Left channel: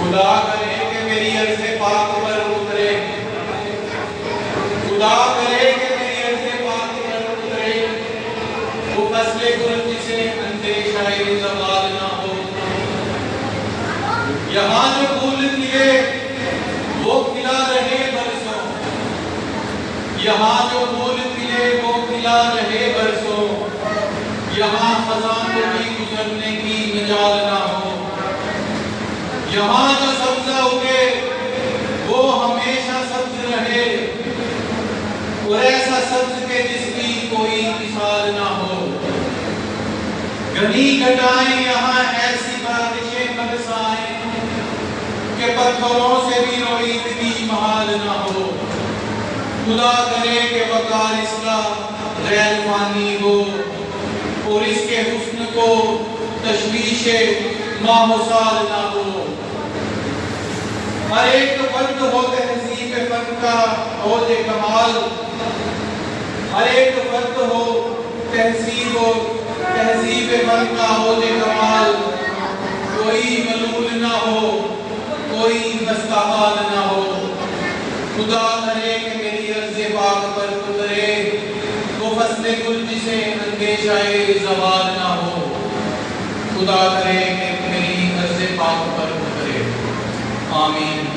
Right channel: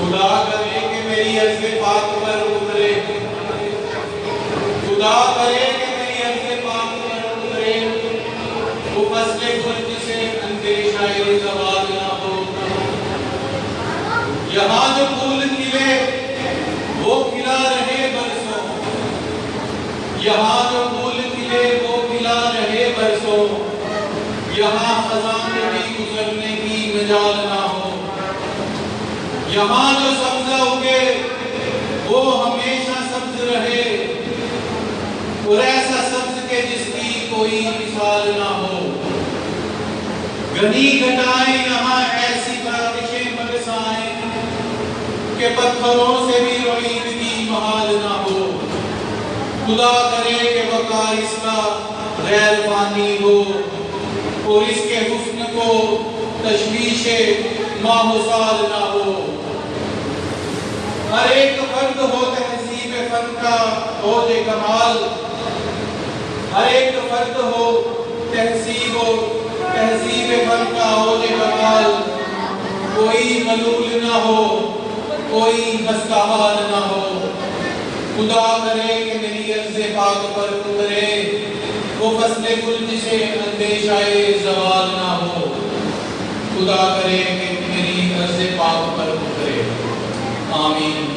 खुदा करे कि मेरी अर्ज़ पाक पर उतरे, खुदा करे कि मेरी अर्ज़ पाक पर उतरे, वो फसले गुल जिसे अंदेशाए ज़वाल ना हो। यहाँ जो फूल खिले वो खिला रहे बरसों, यहाँ जो फूल खिले वो खिला रहे बरसों, यहाँ खज़ां कभी गुजरने की मजाल ना हो। यहाँ जो सब्ज़ उगे वो हमेशा सब्ज़ रहे, और ऐसा सब्ज़ के जिसकी कोई मिसाल ना हो। घनी घटाएं यहाँ ऐसी बारिशें बरसाएं कि पत्थरों से भी रोई विधि महाल ना हो। खुदा करे कि वकार इसका गैर मानी हो, और इसके हुस्न को तशवीशे माहुसाल ना हो। हर एक फर्द हो तहजीब फन का औज कमाल, हर एक फर्द हो तहजीब फन का औज कमाल। कोई मलूल ना हो, कोई मस्तहाल ना हो। खुदा करे कि मेरी अर्ज़ पाक पर उतरे, वो फसले गुल जिसे अंदेशाए ज़वाल ना हो। खुदा करे कि मेरी अर्ज़ पाक पर उतरे। आमीन।